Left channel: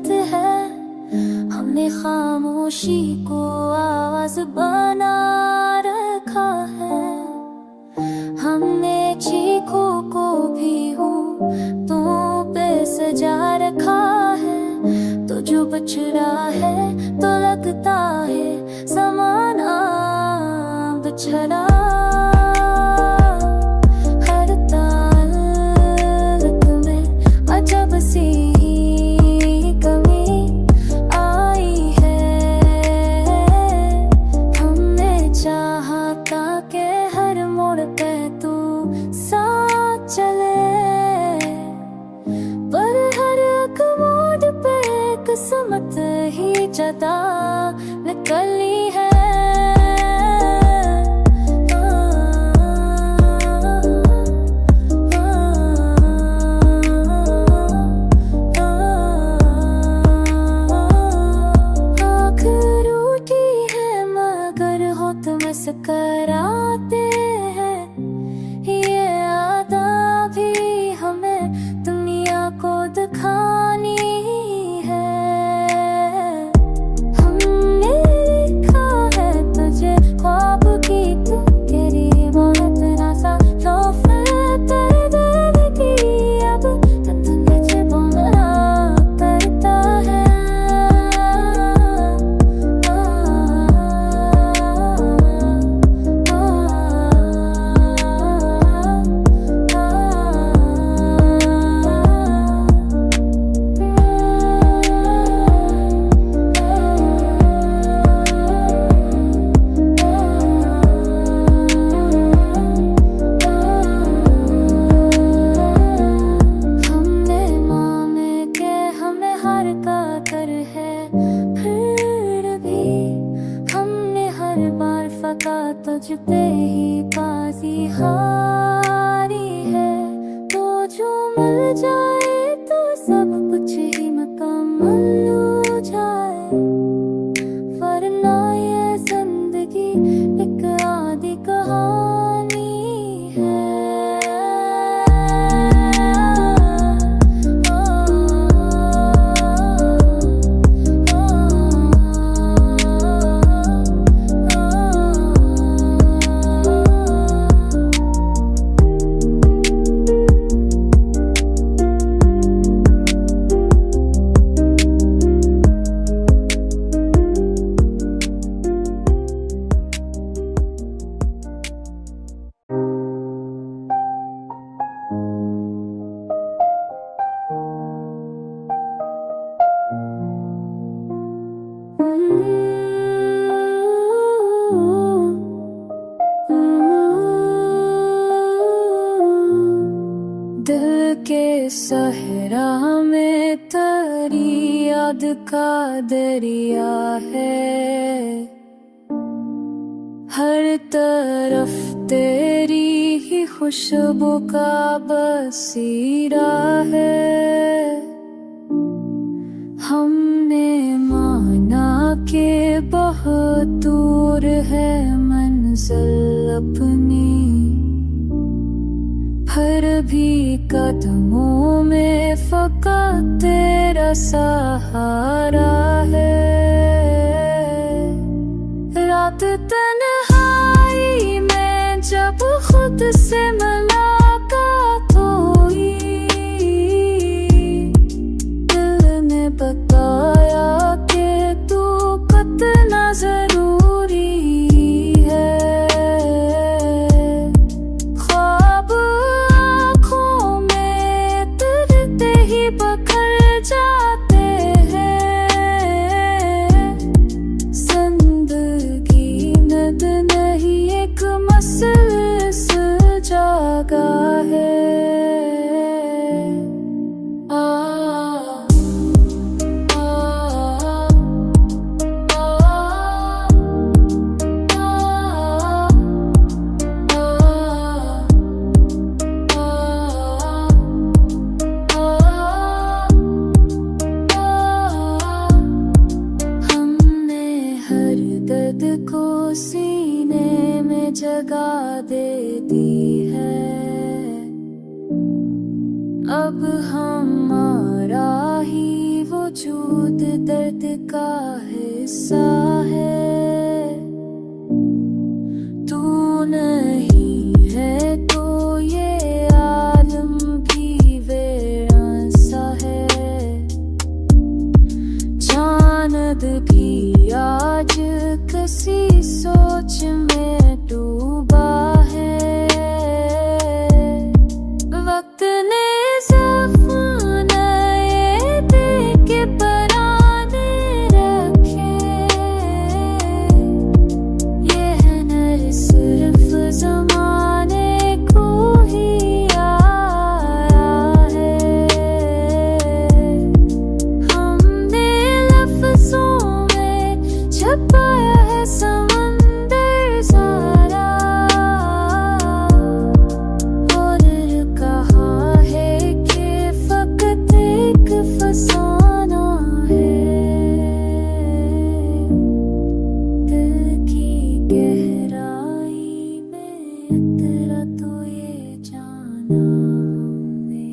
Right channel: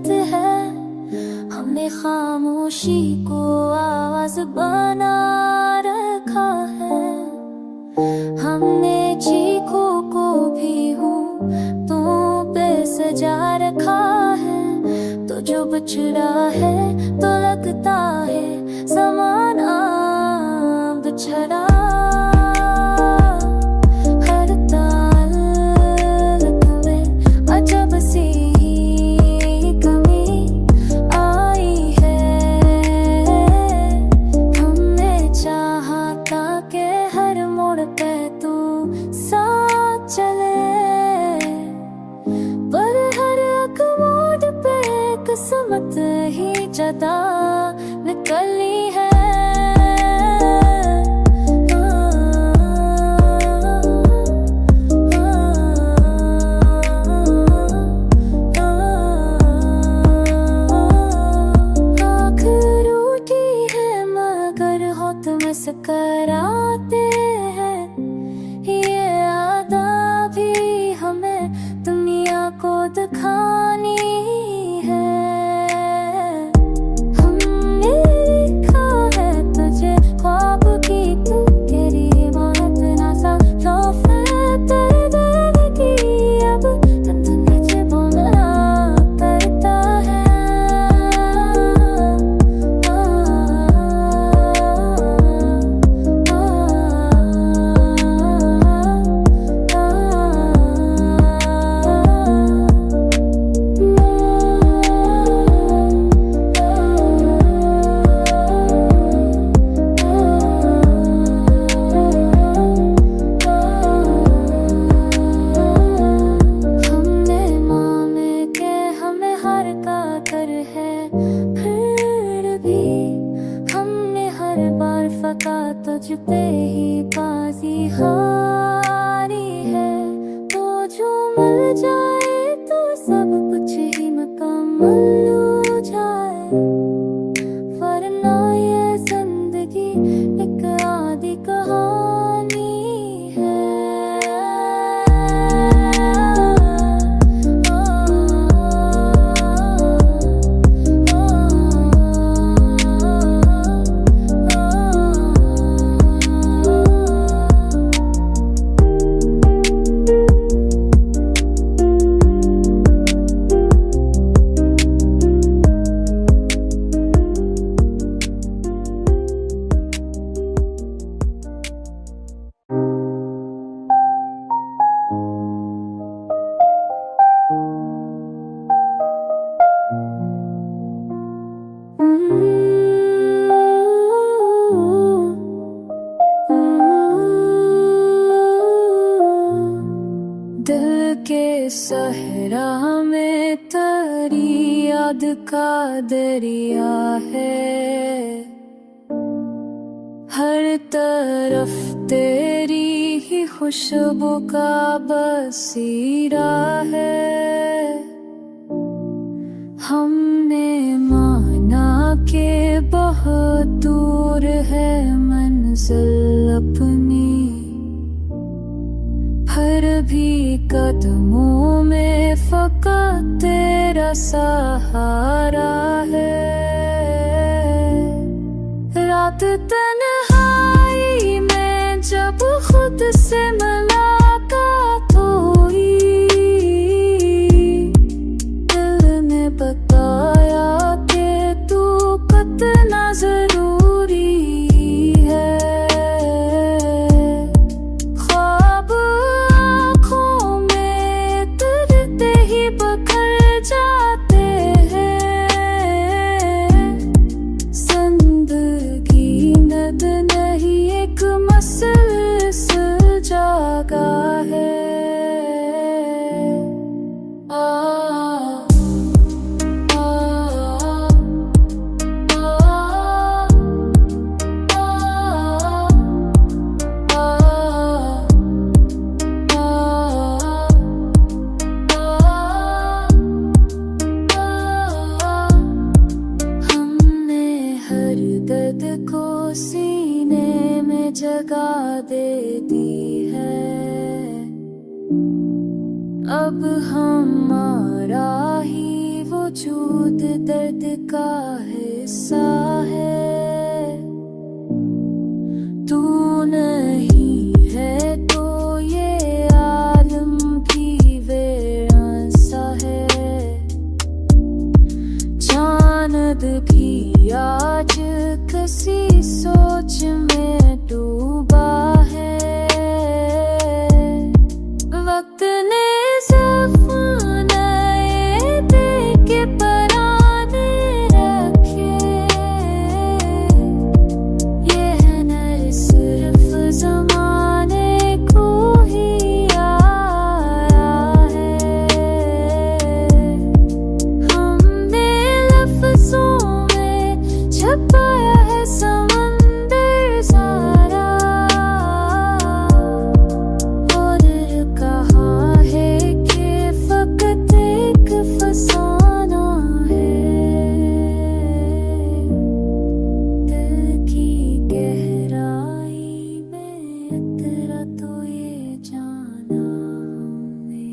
आदत है, हमने खामोशी को आवाज बना रखा है। हमने चीखों को भी हूँ तो पे सजा रखा है। तो जो बछड़ा है तो लगता है ज़माना बिछड़ा। हर ताल में अजब सी कमी आई है। हमने चाहा था कि हर मोड़ पे तू साथ चले, पर हर एक मोड़ पे किस्मत ही जदा निकली है। मुस्कराते हैं, ये आदा भी हमें दुनिया को दिखानी है। हमने लिखा है तुझे ख्वाब की, तू तेरी मौत ना सा लौफे तेरे दिल की। अब दुनिया बोलना करता है। है फिर भी हमने हर बार फका तुझ पे ही बाजी हारी है। तो जो मिल जाए तो सब कुछ ही मुकम्मल हो जाए, वरना ये जिंदगी एक आधी कहानी है। दिल के सहरा में तेरी याद का दरिया है। हर तरफ तेरी ही खुशबू का बसीरा है। हमने माना कि बहुत दूर है मंजिल अपनी, फिर भी कदमों में फकत तेरा सहारा है। रात तन्हाई में जब खुद से मुलाकात हुई, दिल ने बताया कि तू कितना जरूरी है। बखर जाते हैं, जिंदगी नद नहीं एक मसल सुलझागा है। दर्द को सीने में जगह दे दी है। अब हमारा ही वजूद दर्द का हिस्सा है। तू नहीं है तो ये आलम भी वीरान सा है। चांद भी आज किसी सोच में डूबा है। वक्त ने सफाने दे के पराने रखे। ये है न सिर्फ ज़माने को ही आया है। हमने लफ्ज़ों में छुपाया है समंदर सारा। और कहा है कि फकत एक फसाना है। दिल की गहराई में उतरा तो ये जाना हमने।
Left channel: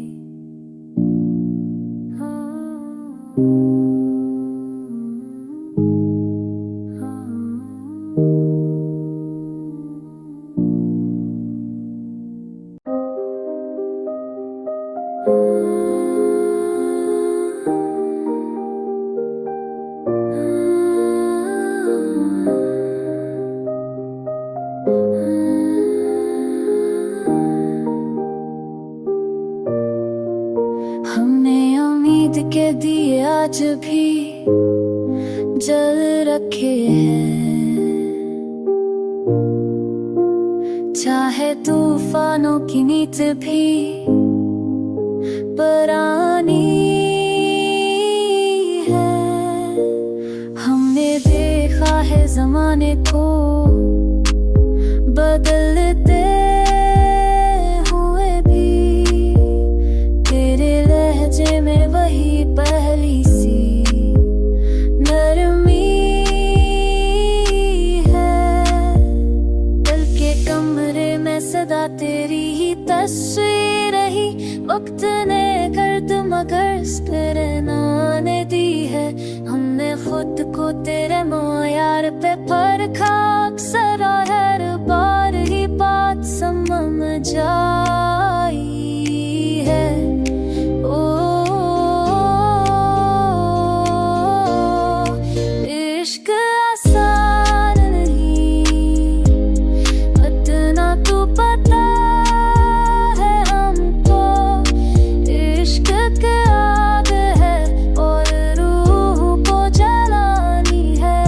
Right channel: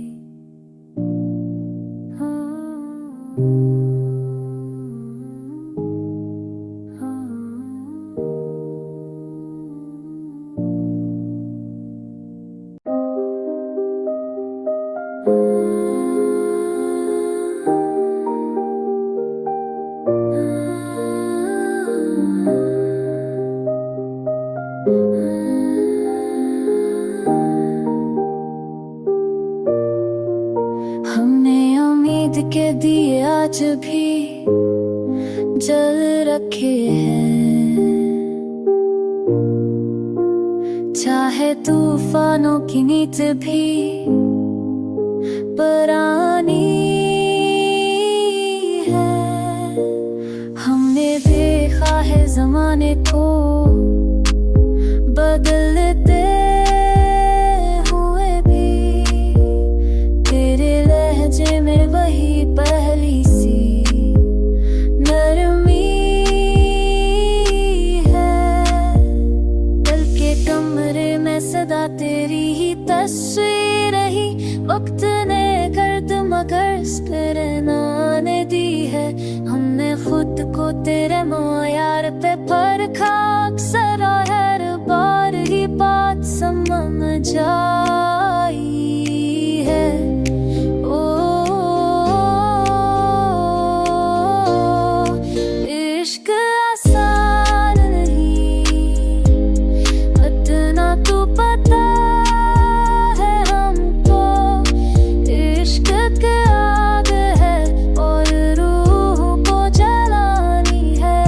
हमने उम्मीद के दिए आज भी जल रखे हैं। चाहे तूफानों की नीत भी पुरानी है। हमने देखा है ज़माने को बदलते हुए भी। तेरे लहजे में वही पहली सी नरमी है। दिल के कमरे में सदा तेरी ही तस्वीर रही। वक्त ने गर्द मगर प्रेरणाने दी है। हमने खुद को तेरे मोयार पे परखा अक्सर और हर बार ही बात समझ जाई है। ओ इश्क आसान नहीं इतना तू पता है हमको। इश्क की आग है और रूह को जलानी है।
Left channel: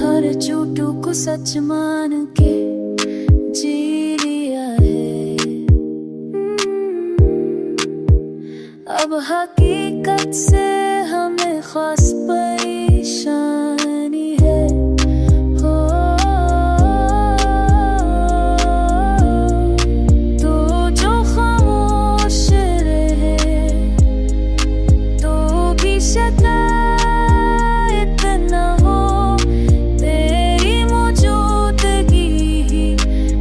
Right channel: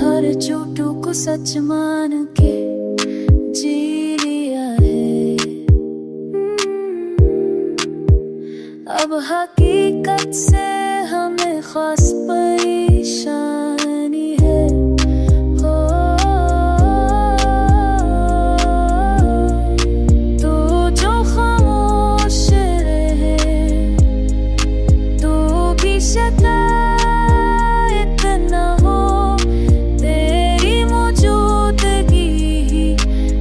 हर झूठों को सच मान के जी लिया है। अब हकीकत से हमें खास परेशानी है। हो तो जो खामोश रहे तो भी शिकायत न हो। तेरी मौजूदगी ही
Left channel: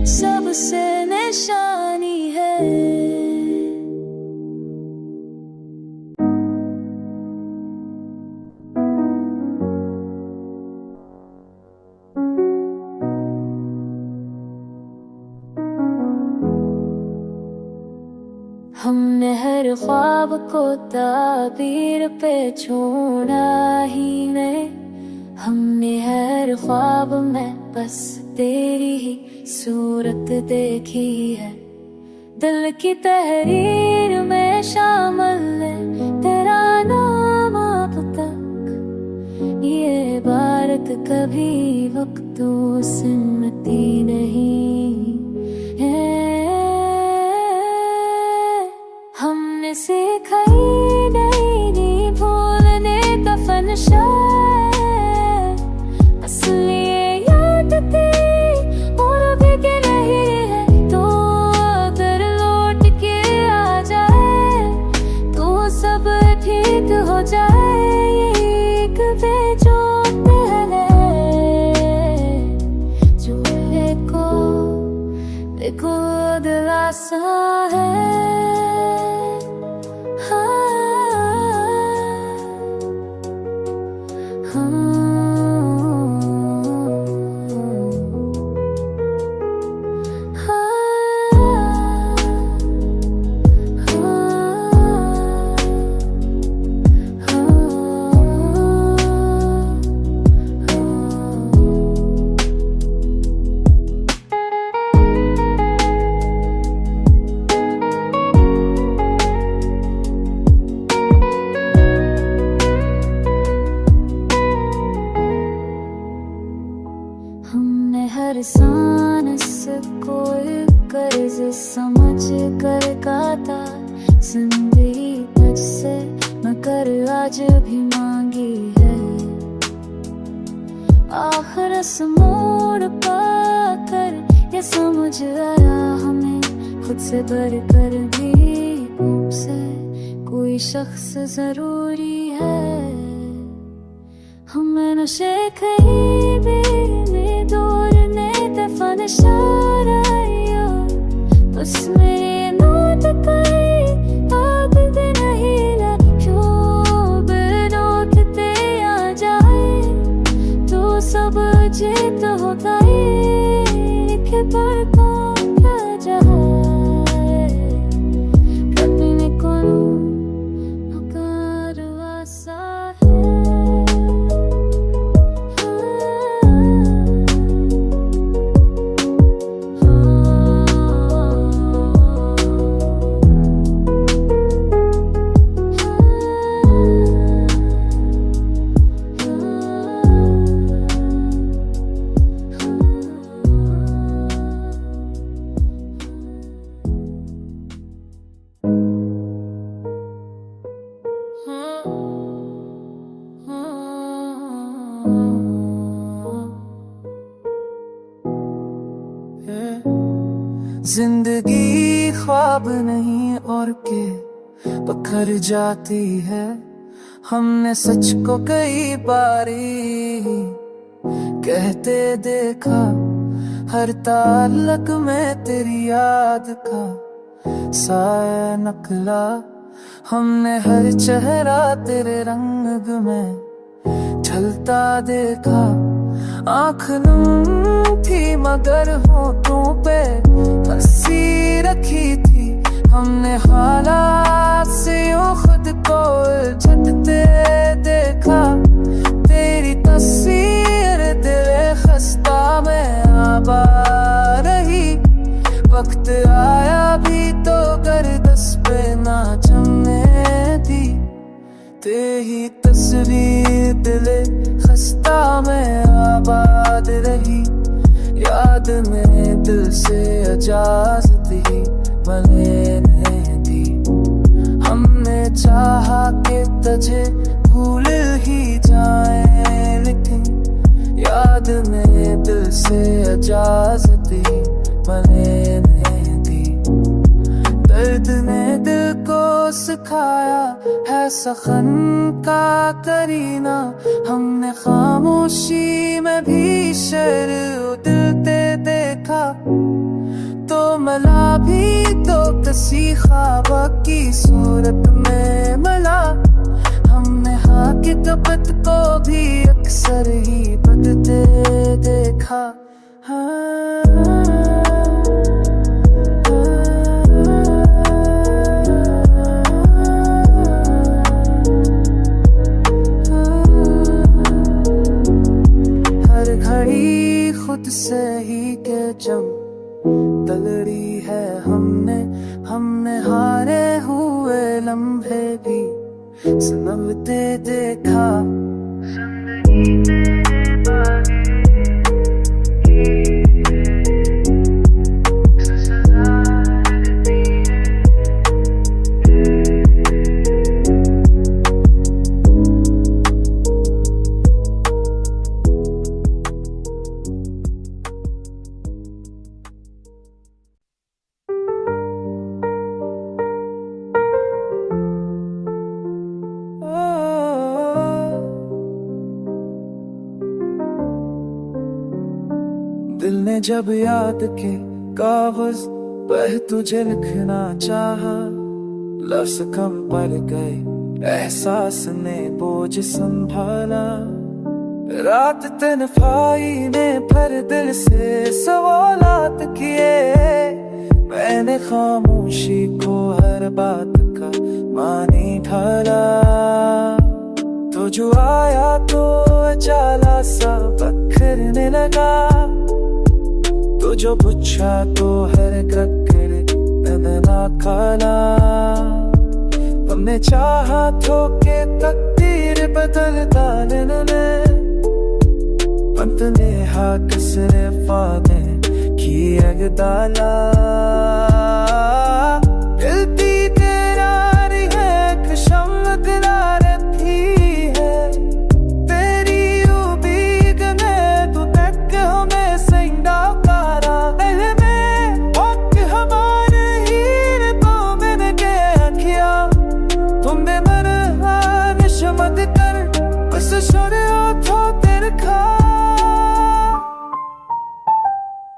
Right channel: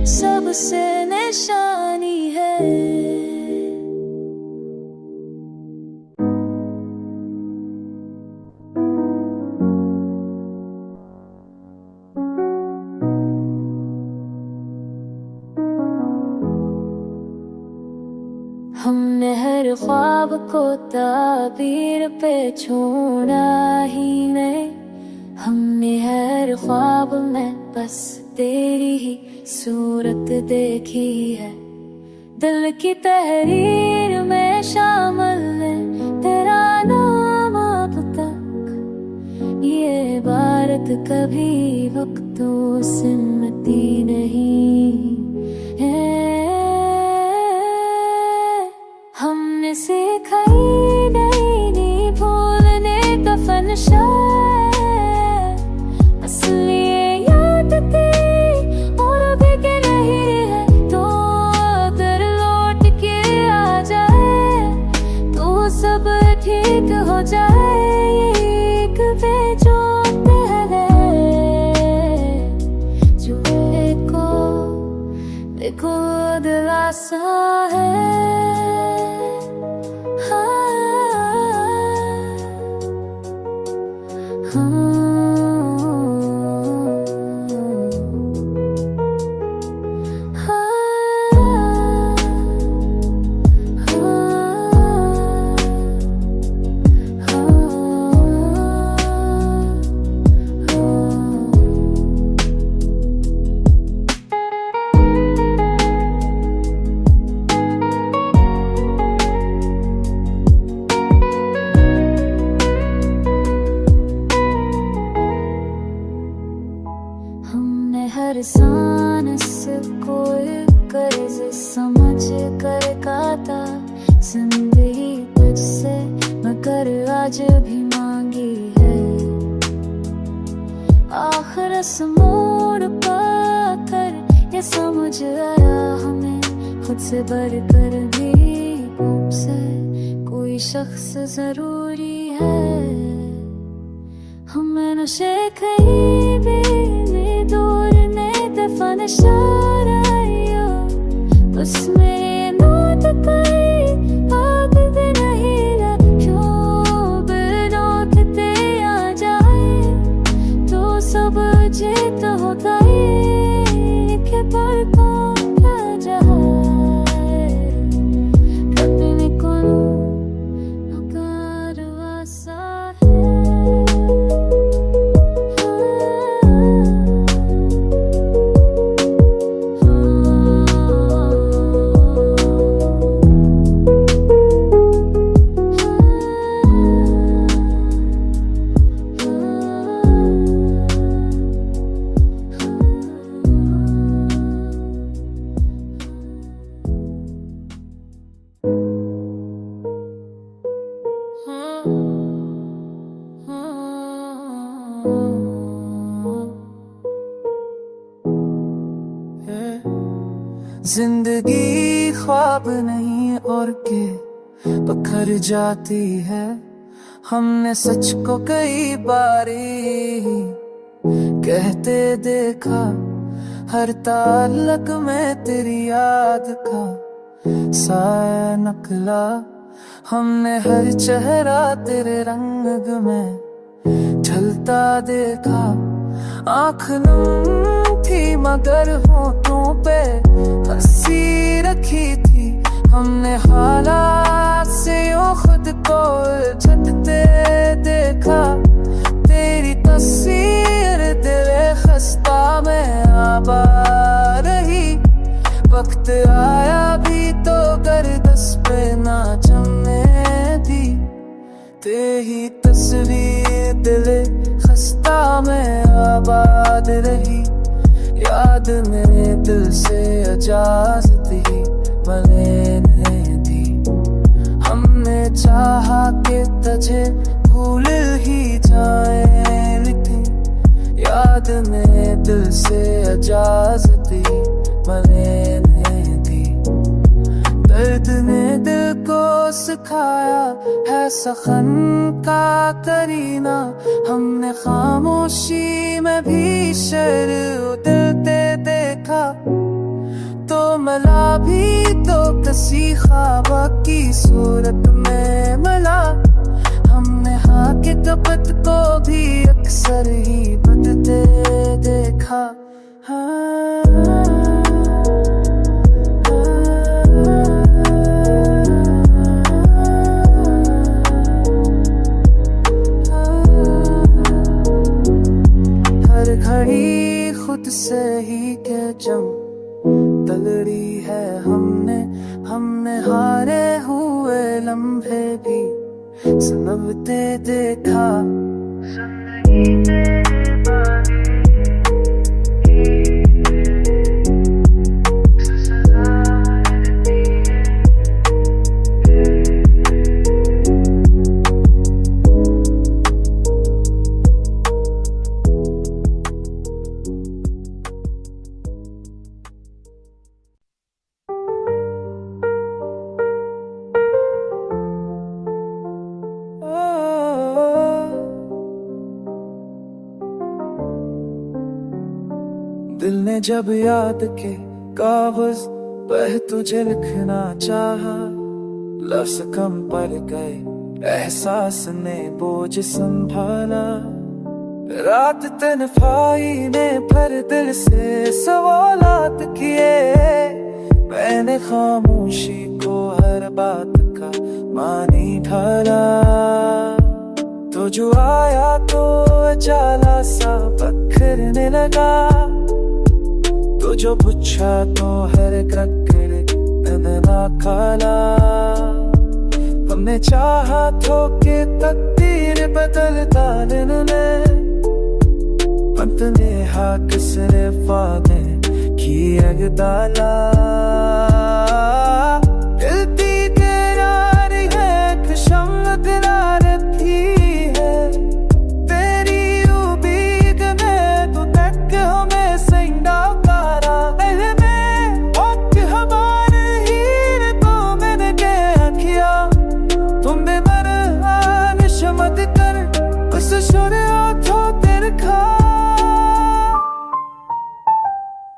सबसे निशानी है। हमने हर ख्वाब को ताबीर पे छोड़ा ही नहीं। हमने हर ख्वाब में बस तेरी ही सूरत देखी है। दिल की तहरीर में शामिल है तेरा नाम अब तक। ये इबारत कभी वक्तों से मिटती नहीं है। हमने सीखा ही नहीं भूलने का फनशा। जाए ये एक बेजोड़ है जो देखो दिलासा है। हमने हर सांस को कर्ज समझ कर काटा, जिंदगी तुझसे मगर आज भी मांगी है। आखिर इस मोड़ पाकर ये समझ आया हमें, खुद से बढ़कर भी तुमसे कोई शख्स जरूरी है। हमें नशे कहीं भी दूर ने दफन शारायो, उसमें नोट कई आग दे नहीं ला, क्यों बिनोत ते आ जाए तो सब जीत होता है कि पर कौन क्या जाए कभी न कोनो नकार आसा है। जिंदगी ख्वाब नहीं और के पखर जाती है। हमने सच को कई बारी कहते देखा, हर ताल्लुक में तेरी याद का साया नकला। हमने हर चेहरा तेरे रंग में ढलता देखा, आँख नम थी मगर होठों पे हंसी रखी थी। हमने हालात से यूं खुद को झटते देखा, तेरी तस्वीर दिल खस्ता में आबा रही। वक्त आया भी तो गर्दस पे ना जमने दी, तेरी तस्वीर दिल खस्ता में आबाद रही। याद में दिल से इजाजत ही लेने दी। हमने चाहा कि तुझे भूल ही जाए, लेकिन याद में दिल से इजाजत ही लेने दी। दर्द ने दिल को सिखाया है सखन का करीना, हमने खामोशी में भी शर उतरते देखा। तो मला भी तो किसी ख्वाब की सूरत में मला, हमने हकीकत को भी अक्सर ही बदलते देखा। हर घड़ी खुद से ही के जम तलड़ी है हमने हारे हुए लम्हे भी सनमते देखा। जिंदगी तेरे बागे दिल ने जब याद के कागज पर तुझे लिखना चाहा, लफ्ज कम पड़ गए, एहसास ने बोझ संभाला। रात तन्हाई ने भर दिल से सवालात किए, मैंने खामोशी को हर बात का मानी ढाला। तो जो आया तो अचाला सा बखरने लगा, तो जो पूछा तो हर क्रक्कर नदना खाला। हमने चाहा तो के तकदीर बदल डालने में, अंत ने हाक सिरे फादे की अगदाला। दिलती तेरारी है खुशम रही है, तेरी उम्मीद में तू तक हमें संडा पारा। में हक हमारे हीर तो मैंने क्या किया, तुम्हें मर निशमत कर बस छोड़े तो तेरे खा।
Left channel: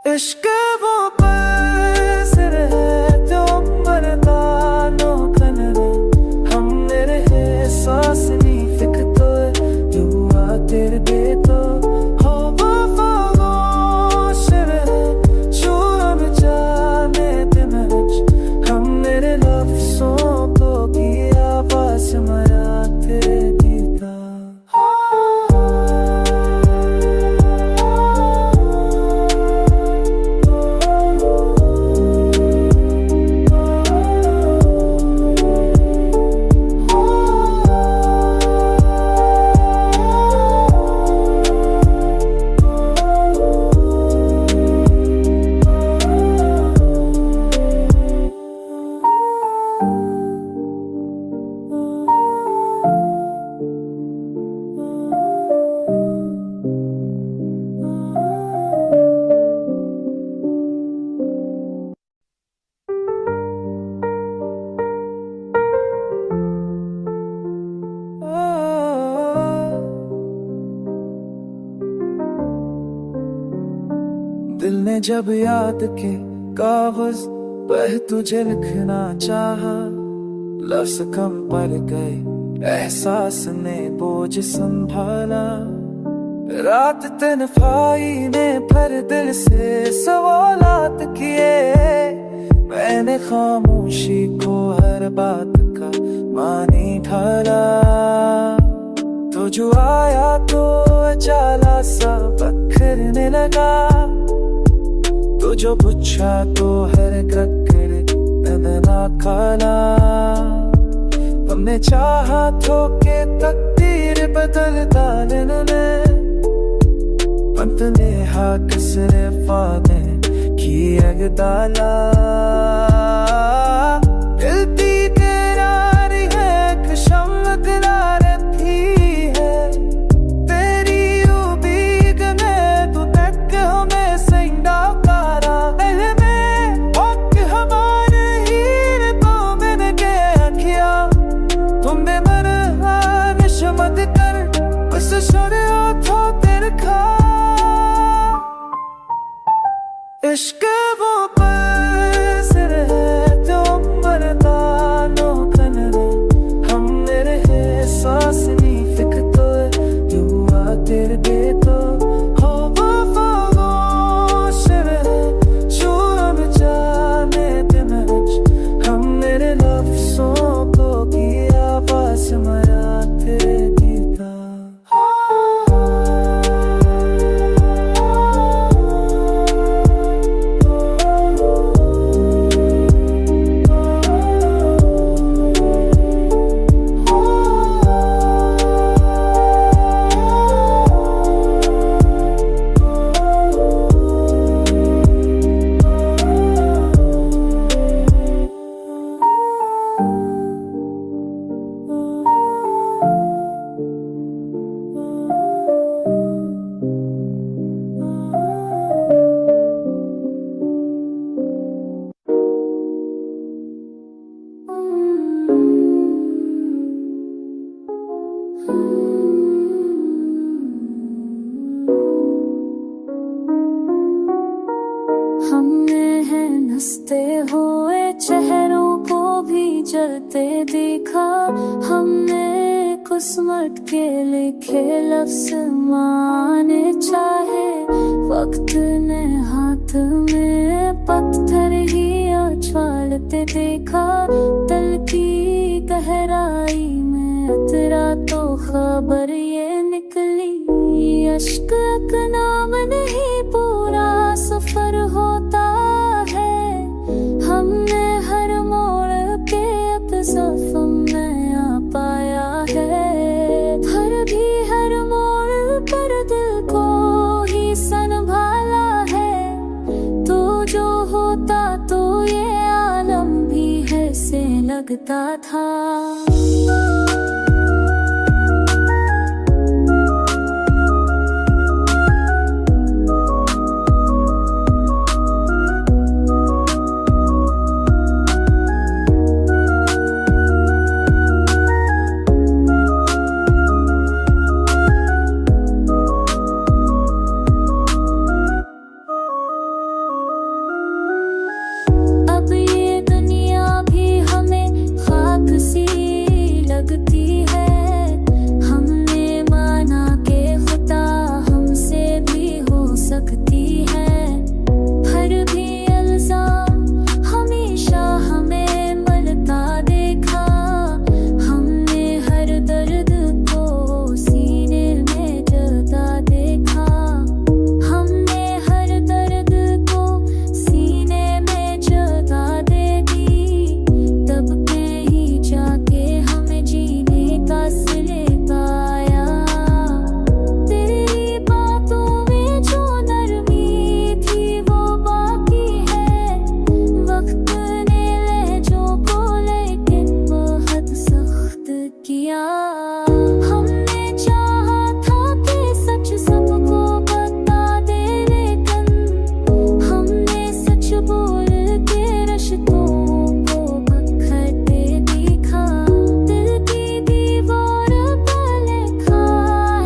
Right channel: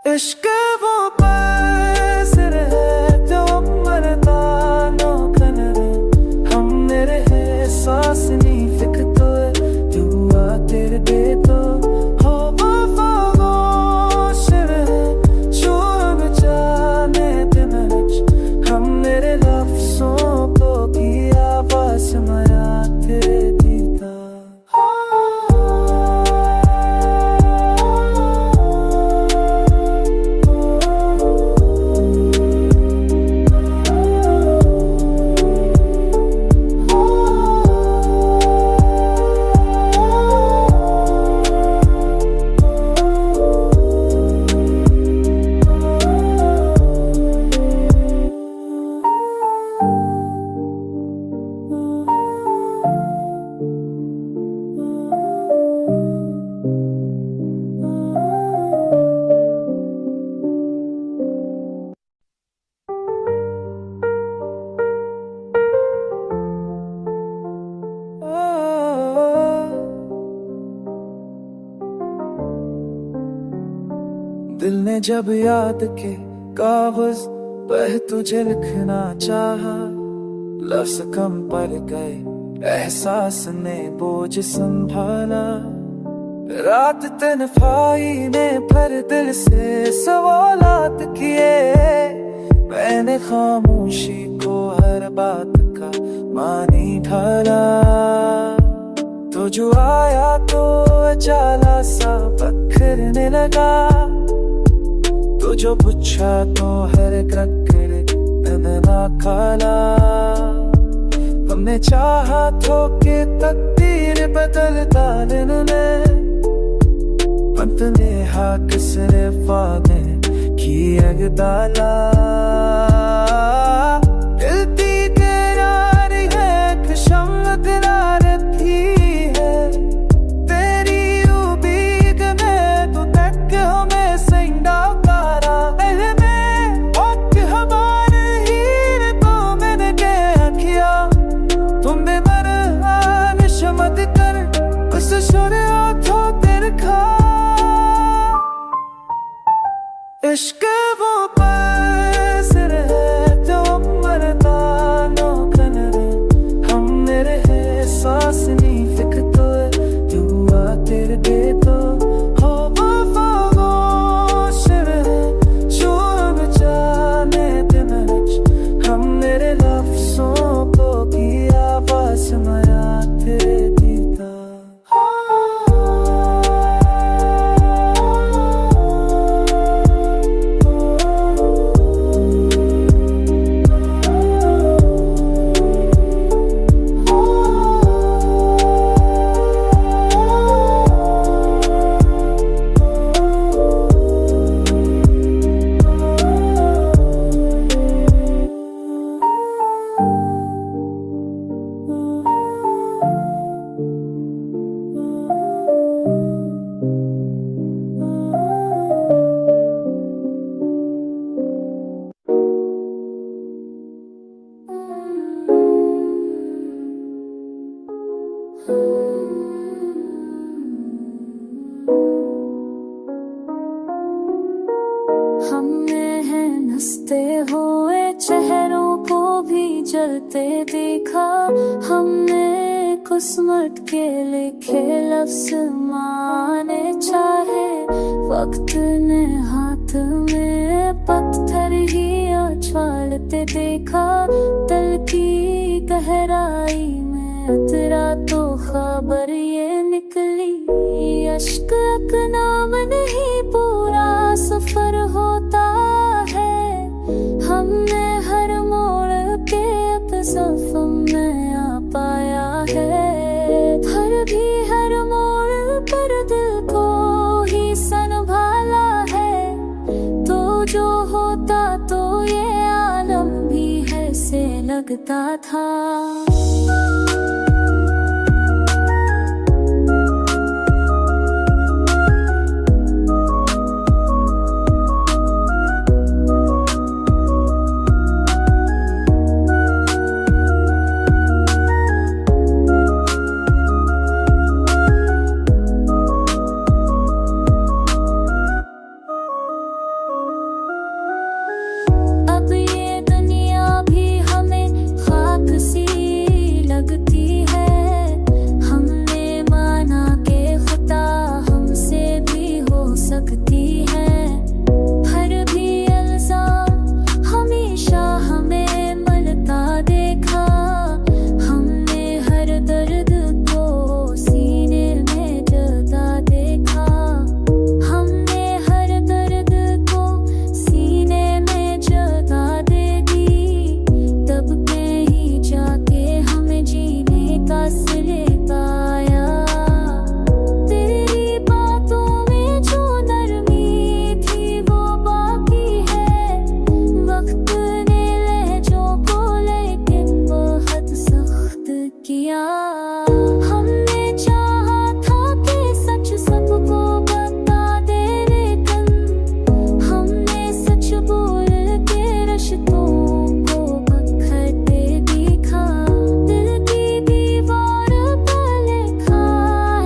इश्क वो पैसर है जो मरता नो कनरे, हम मेरे है सांस नहीं फिक तो जो हुआ तेरे दे तो हो वफाशर है जो हम जाने तेमच। हम मेरे लफ्जों को की आवाज मरा तेरे दीदा। दिल ने जब याद के कागज पर तुझे लिखना चाहा, लफ्ज कम पड़ गए, एहसास ने बोझ संभाला। रात तन्हाई ने भर दिल से सवालात किए, मैंने खामोशी को हर बात का मानी ढाला। तो जो आया तो अचाला सा बखरने लगा, तो जो पूछा तो हर क्रक्कर नदना खाला। हमने चाहा तो के तकदीर बदल डालने में, अंत ने हाक सिरे फादे की अगदाला। दिलती तेरारी है खुशम रही है, तेरी उम्मीद में तू तक हमें संडा पारा। में हक हमारे हीर तो मैंने क्या किया, तुम्हें मर निशमत कर बस छोड़े तो तेरे खा। इश्क वो पैसर है जो मरता नो कनरे, हम मेरे है सांस नहीं फिक तो जो हुआ तेरे दे तो हो वफाशर है जो हम जाने तेमच। हम मेरे लफ्जों को की आवाज मरा तेरे दीदा। हमने है हंसते हुए चेहरों को भी जलते देखा। हमने किस्मत के लिखे लफ्ज़ माने चाहे, वक्त ने हाथ में पत्थर ही उछालते देखा। दिल की गहराई में उतरा तो खबर ये निकली, अश्क का नाम नहीं पूरा सफर होता है। हमने हर मोड़ के अब सफर में आ पाया है, हर भी हर मोड़ पर दिल को ही संभाला है। तो जो होता तो ये आलम भी है से लगता था। अब ये दुनिया भी हमें खाक सी लगती है। हमने माना के खुदा हमसे भी हो सकती है, फिर भी इल्जाम हमेशा हमें मलता देखा। हमने हर दर्द को सीने में जता देखा। हमने हर दर्द को सीने में जगा दे दी, तब पे ही जाके हमें जीने का सिले पाया। तेरी बातों में जो नरमी थी वो बाकी है, वक्त ने लहजों को लेकिन बहुत सख्त किया। हमने चाहा था कि सच सबको बता दे, लेकिन हमने सच बोल के रिश्तों को बखरते दिखा। दिल की दीवार पर लिखा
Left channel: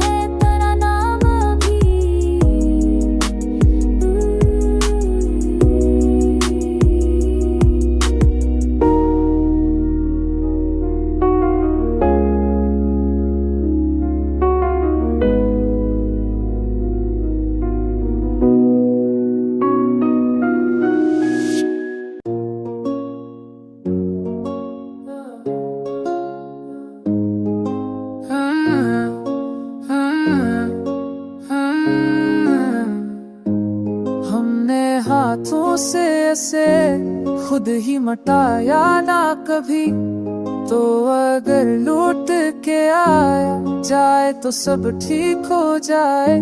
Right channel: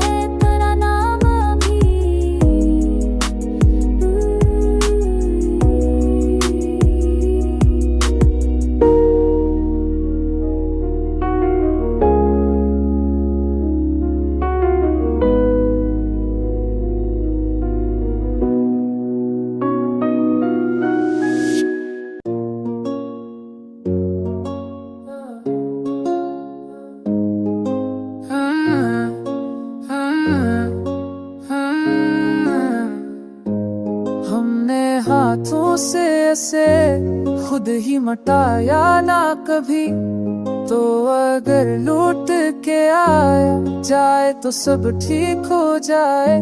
है तेरा नाम भी। हमने हाथों से ऐसे खुद ही मटाया ना कभी, तो अगर लूट के आया जाए तो सब ठीक हो जाए।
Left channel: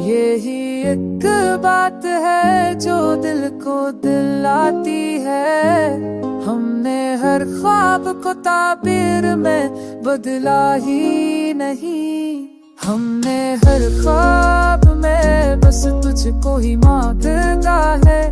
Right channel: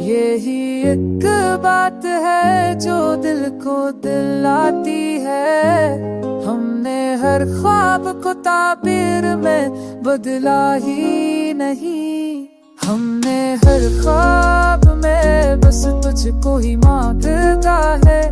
यही एक बात है जो दिल को दिलाती है। हमने हर ख्वाब को ताबीर में बदला ही नहीं, हमने हर ख्वाब में बस तुझको ही मांगता है।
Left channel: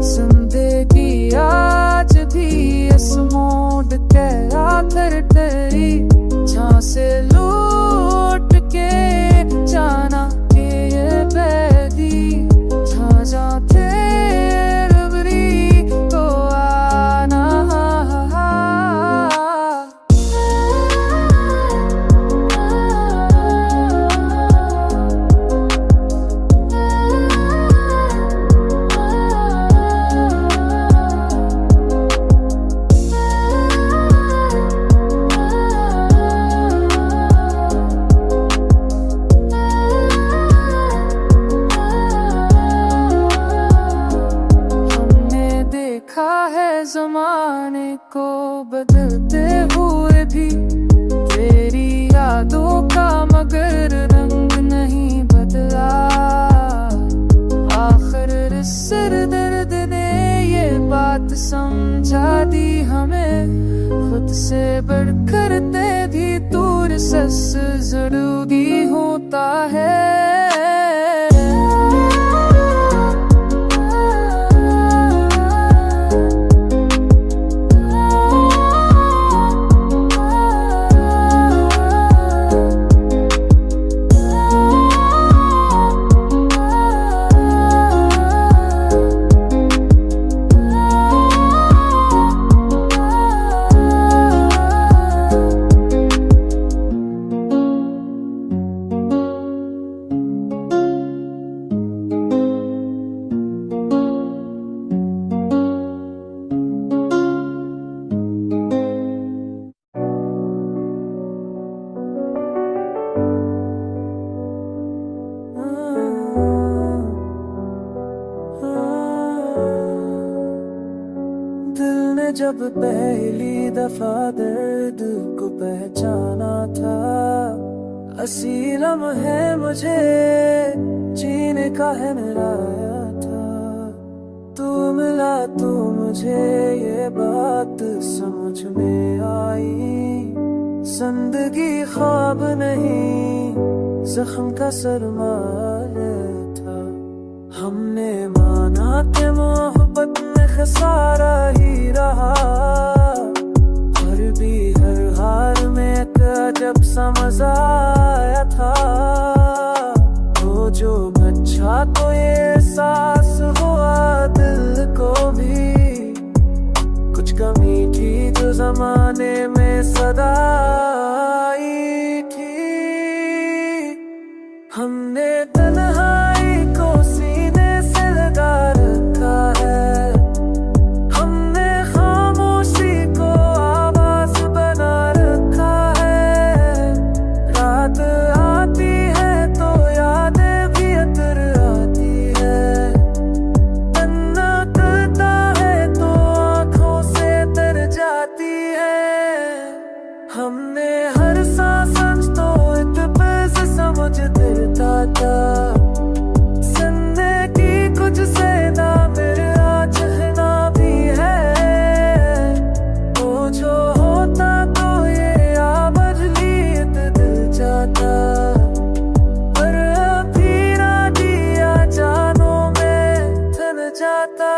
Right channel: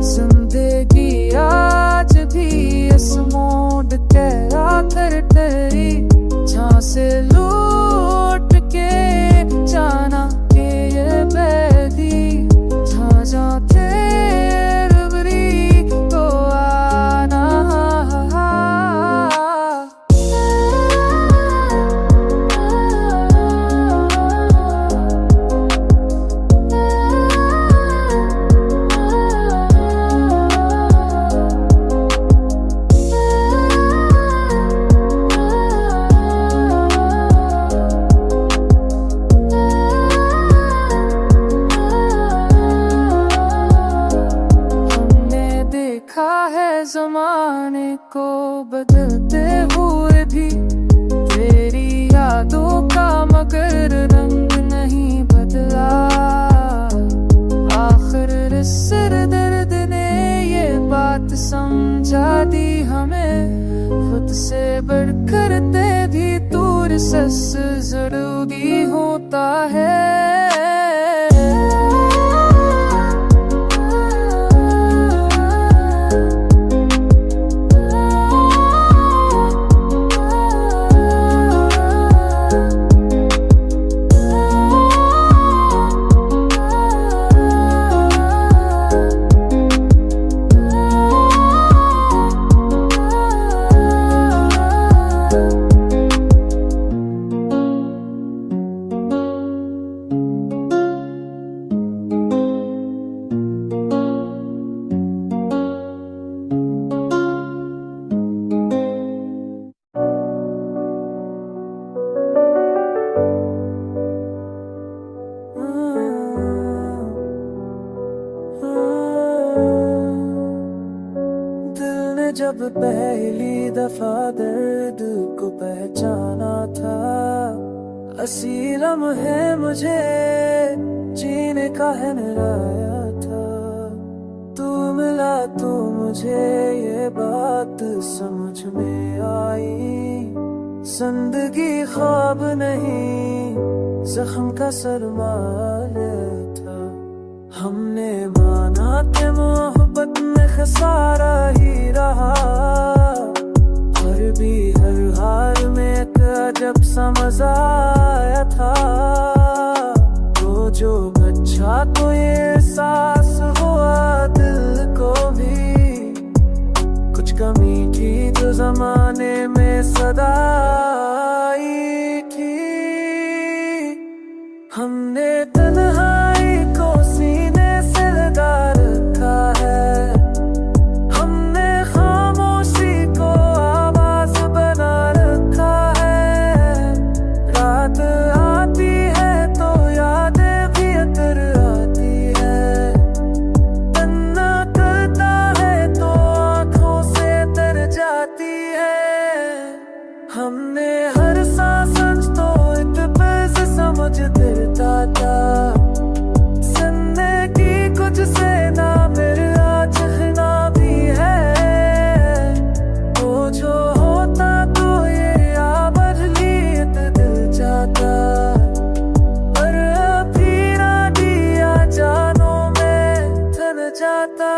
जिंदगी आज भी इस मोड़ के आकर तेरी जहाँ से लूट के जाना के ये बैदी, जहाँ जहाँ तेरी तो आना। देखा है ज़माने को बदलते हुए भी, तेरी यादों का मगर रंग नहीं बदला। आखिर इस सिरदर्द ने ये बात समझा दी हमें, खुद से बढ़कर ते भी दूर सस जरूरी होता है। जब पहली दफा दर्द को पहचाना था, असी लम्हे मुझे जीने का है मिलाया था। तू मिला तो मुझे ये बात समझ में आई, जिंदगी ख्वाब नहीं जख्म का सरमाया था। हमने माना कि मोहब्बत में खसारा ही रहा, फिर भी हर हार में एक अजब सा मजा आया था। तो जो बच्चा तो ये एहसास हुआ दिल को भी, कुछ कमी थी जो जमाने में सदा आई थी। हमने तन्हाई को सीने से लगा रखा है, हमने खामोशी को आवाज बना रखा है। रात आती है तो यादें भी अतर आती है, तन्ना करता है तो आंखों से तर जाती है। हमने हर सांस तो इत्तेफाक समझ फिरता था, सुनने की कुछ से ना मेरे चाहना भी है। तो जो होता तो ये बदलियत दिल चाहता, पर अभी ना दिया जानों में थन जाता।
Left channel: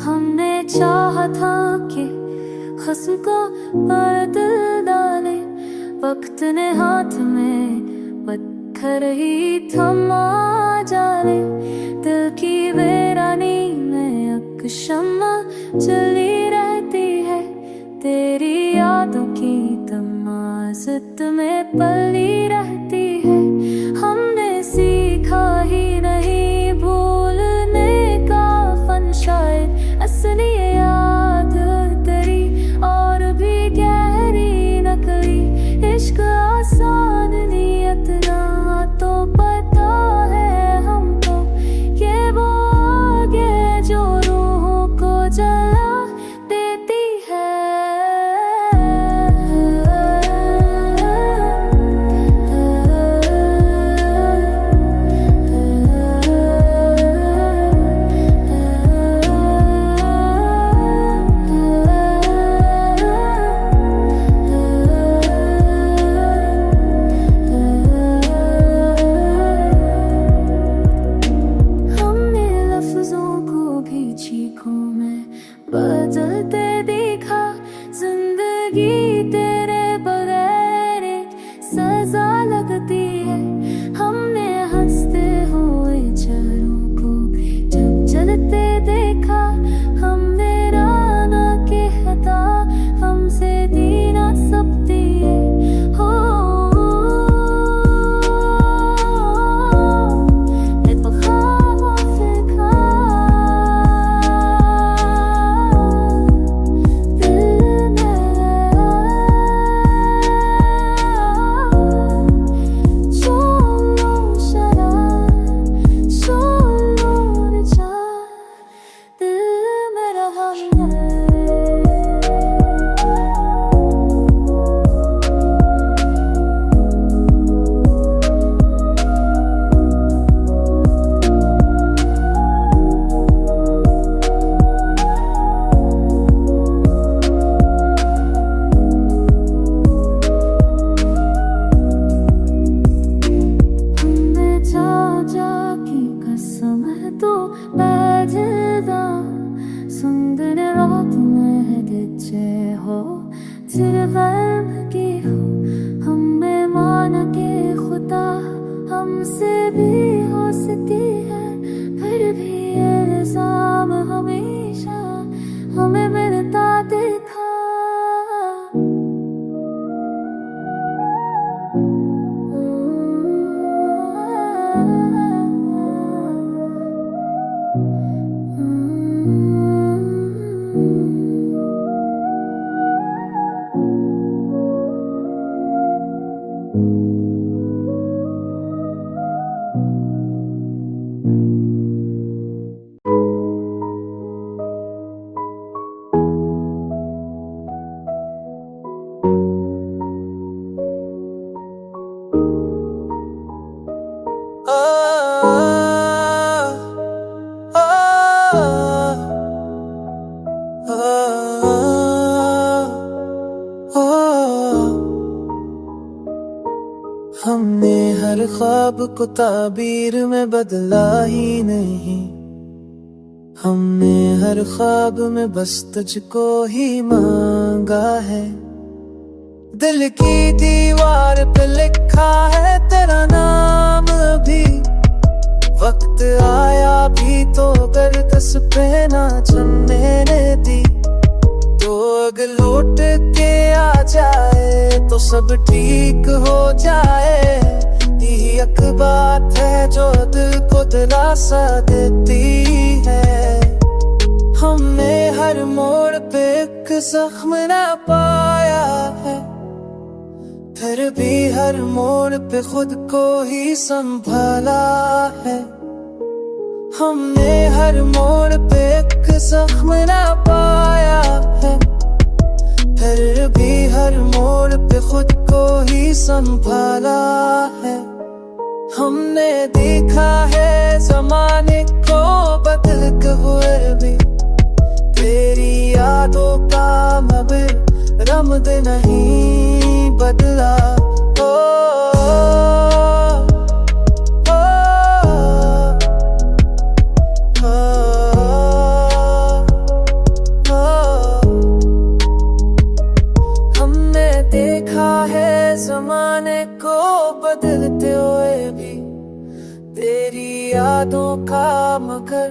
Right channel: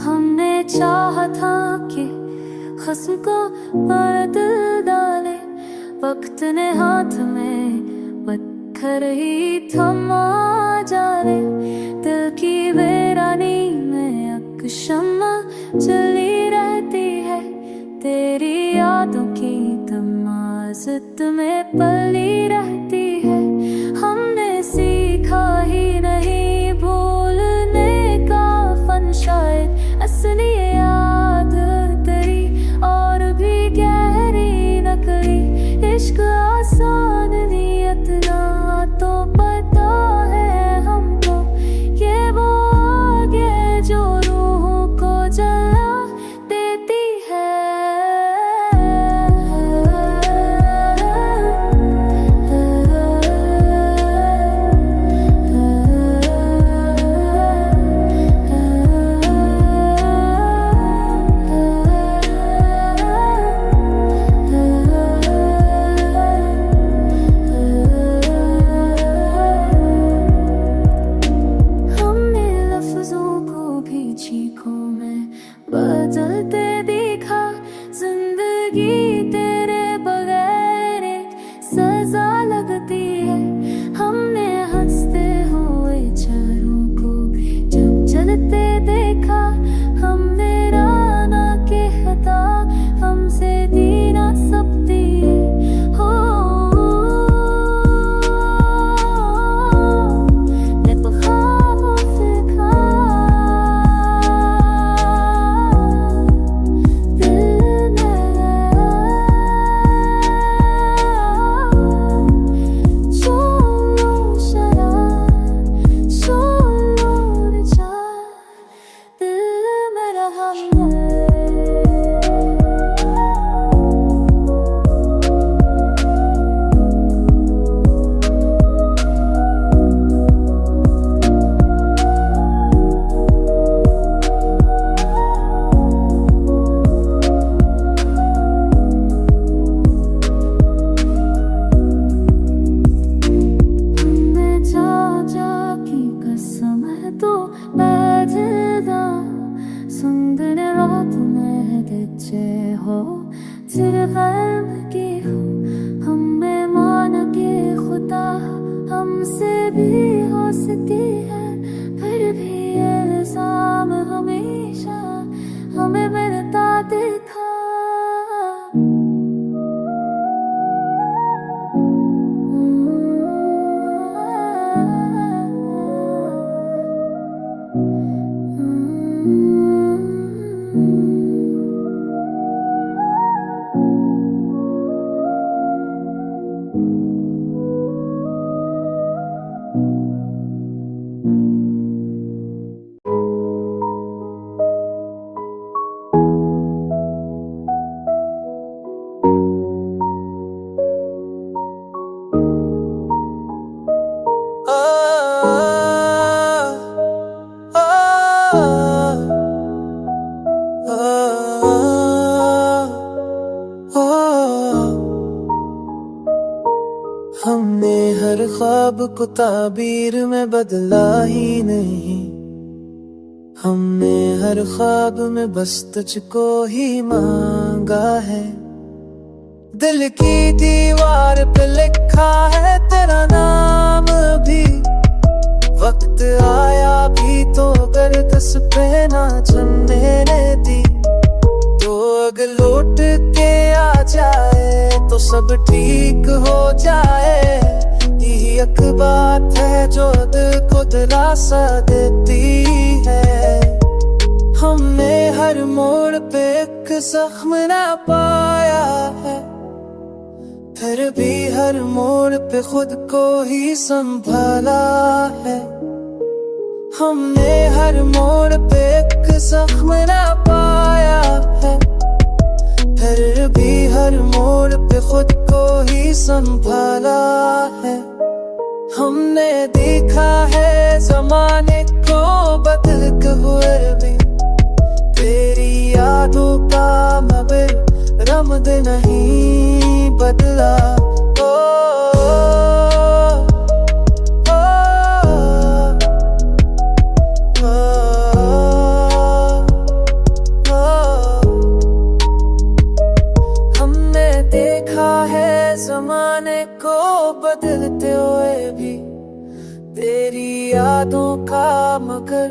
हमने चाहा था कि हस्न को बदल डाले, वक्त ने हाथ में पत्थर ही थमा जाले। दिल की वीरानी में एक शम्मा जली रहती है, तेरी यादों की तमाज़त में पली रहती है। हमने सीखा ही नहीं भूलने का फन, शायद असली याद तेरी और भी गहरी नकली। इश्क आसान नियत ना तो पता है हमको, ये वो आगे जो रूहों को जला देती है। चीखों में बदलते देखा, जिंदगी तेरे बगैर एक सजा लगती है। हमने हंसते हुए चारों को जब जलते देखा, हमने राना के खता हमसे दी ना सकती है। हो कसम है तो पैदा हो की हो हमें मान के खुदा हमसे भी हो सकती है, फिर भी इल्जाम हमेशा हमें मिलता देखा। हमने हर ख्वाब को ताबीर में बदला ही नहीं, हमने हर ख्वाब में बस तुझको ही मांगा है। दिल की दीवार पे लिखा है तेरा नाम भी, वक्त आया भी तो गर्दस पे ना जमने दी। तो अगर लौट के आ जाए तो सब ठीक हो जाए, यही एक बात है जो दिल को दिलासा देती है। हमने हर मोड़ पे एक जख्म ना पाया है, फिर भी हर मोड़ पे खुद को ही संभाला है। हमने हर मोड़ पे एक जख्म ना पाया है, फिर भी हर मोड़ पे खुद को ही संभाला है। हमने देखा है ज़माने को बदलते हुए भी, तेरी यादों का मगर रमद नहीं बदला। ओ, देखा है ज़माने को बदलते हुए भी, तेरी यादों का मगर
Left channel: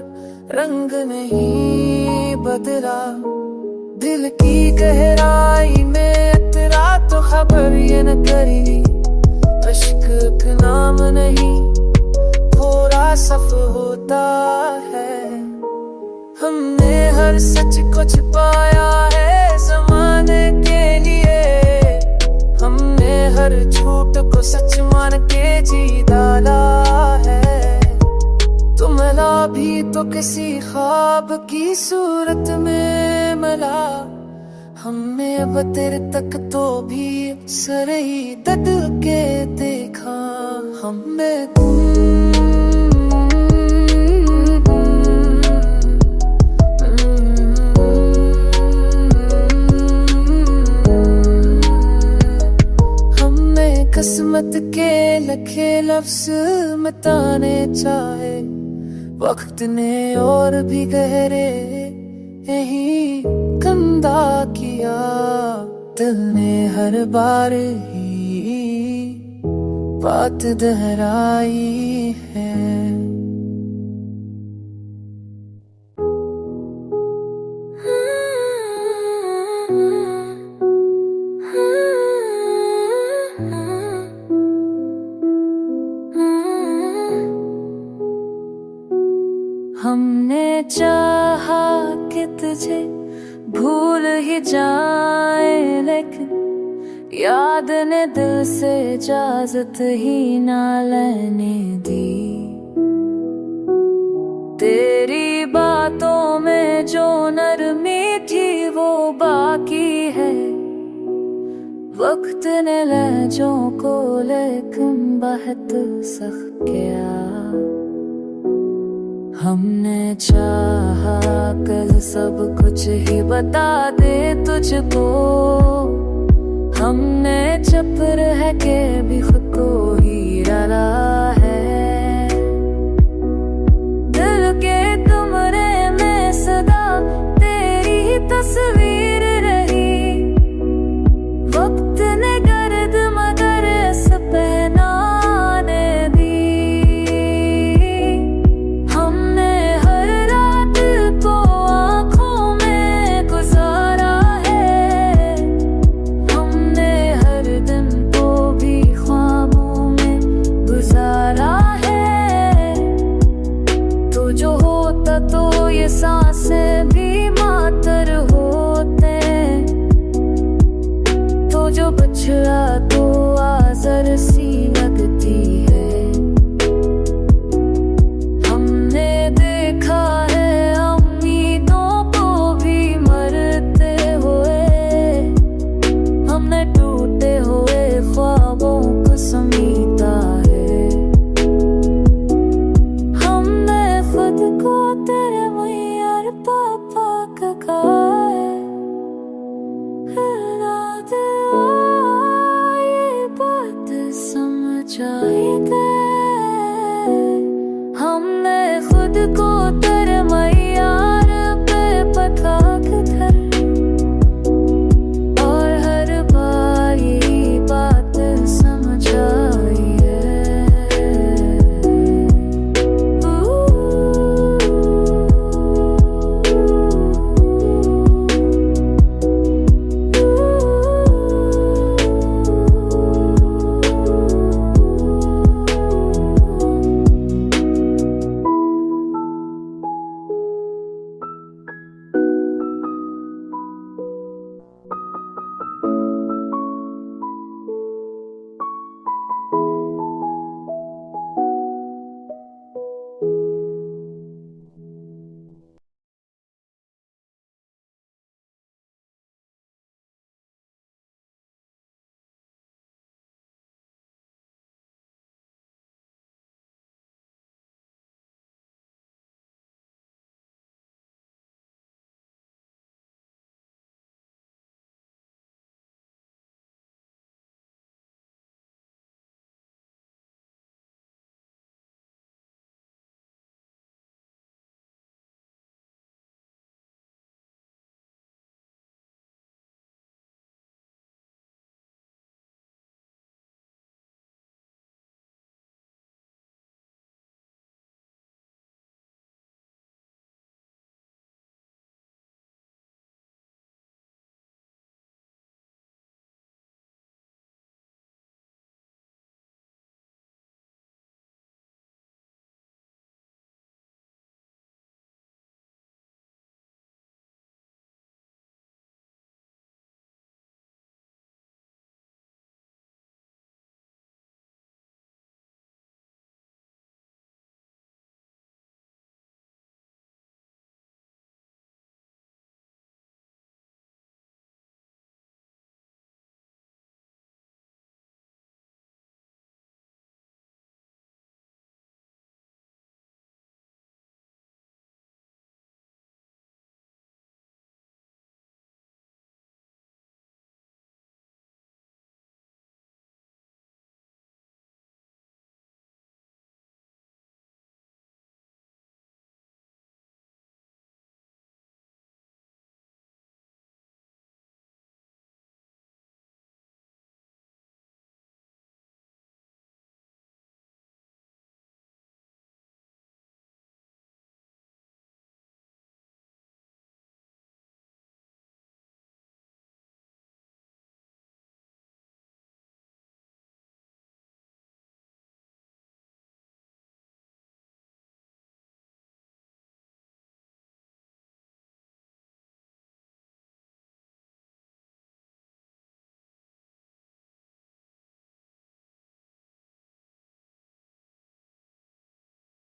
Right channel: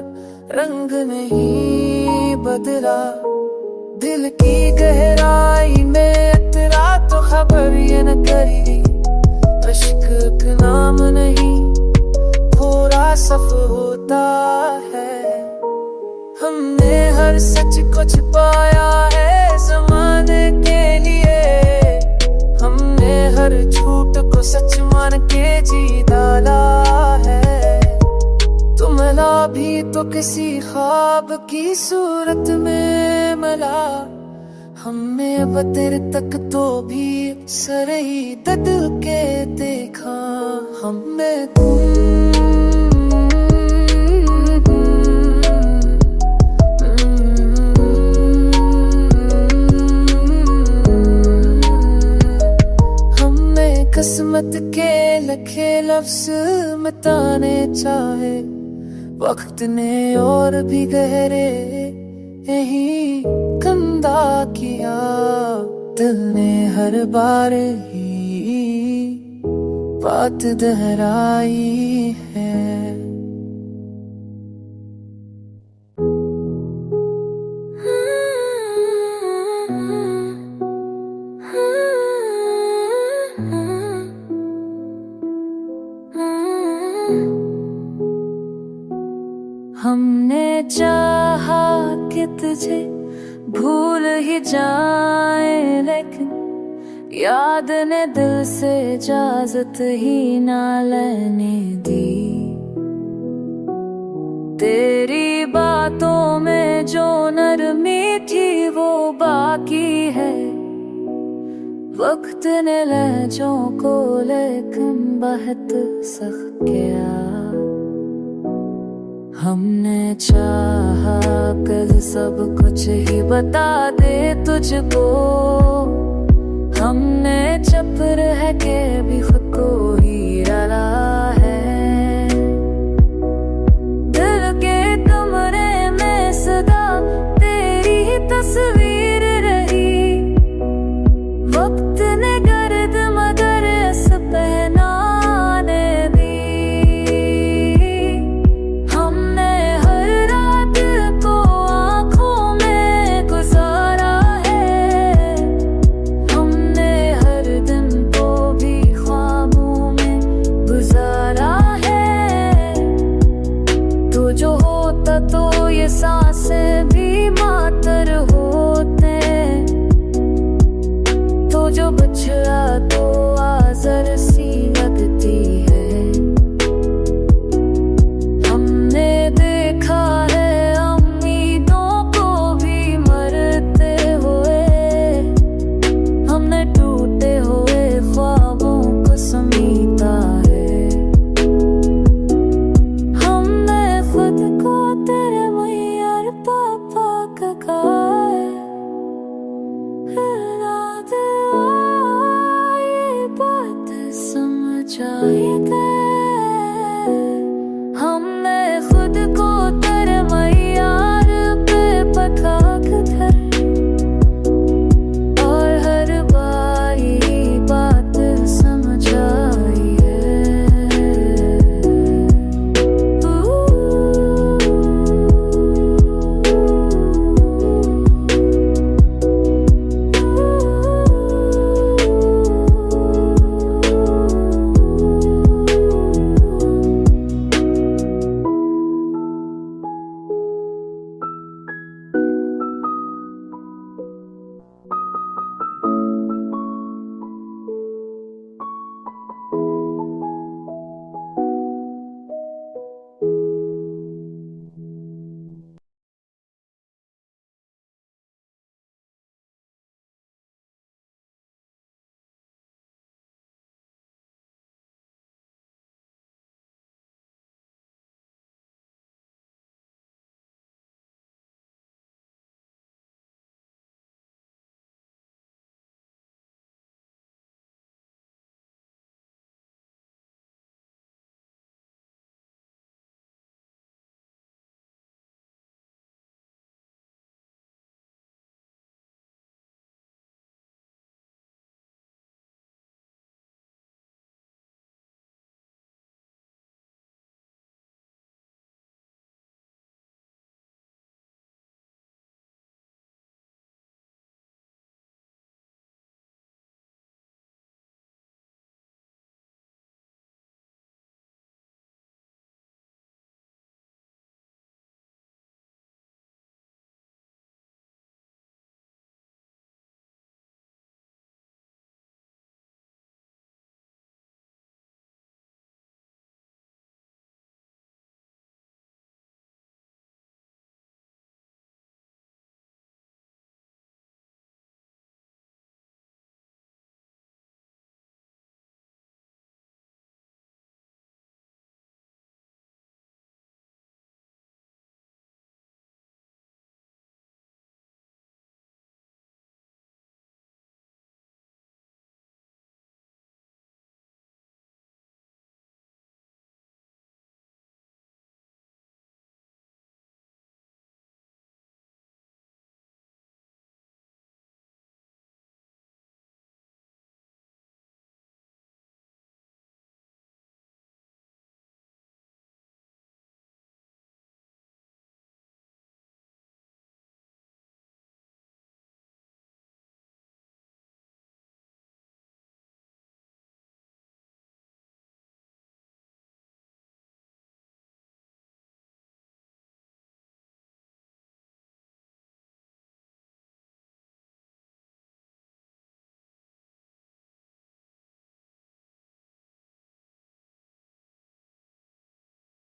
रंग नहीं बदला। दिल की गहराई में तेरा तो खबर ये न करी, अश्क का नाम नहीं थोड़ा सफ होता है। हमने हर सच को छिपाया है ज़माने के लिए, हमने हर झूठ को सच मान के जी डाला है। तुम मिला भी तो किसी ख्वाब की सूरत में मिला, हमें वतर तक तो भी सर ही दद के देखा। हमें किस्मत के लखे लफ्ज मिटाने चाहे, वक्त ने और भी गहरे यही कंधा किया। दिल ने हर बार ही बात दोहराई है। हमने चाहा कि तुझे भूल ही जाए, लेकिन याद ने दिल से इजाजत ही ना लेने दी। तेरी बातों में जो नरमी थी वो बाकी है, वक्त ने लहजों को लेकिन बहुत सख्त किया। हमने चाहा कल सब कुछ ही बता दे तुझको, हमने चुप रह के भी खुद को ही डाला है। दिल के कमरे में सदा तस्वीर रही। वक्त ने गर्द मगर इस पहनाने दी। हमने हर रात को आंखों में गुजारा है। हमने हर दिन को भी ख्वाबों में गुजारा है। तो जो होता तो ये सांसें भी मातर होते। तो जो बछड़ा तो आजर सी लगती है। हमने देखा है उम्मीदों को भी मरते हुए। हमने टूटे हुए ख्वाबों को समीटा है। हमने खुद को तेरे मैयार पापा का खाए। रात ये बात समझ आई। हमने खुद को तेरे मैयार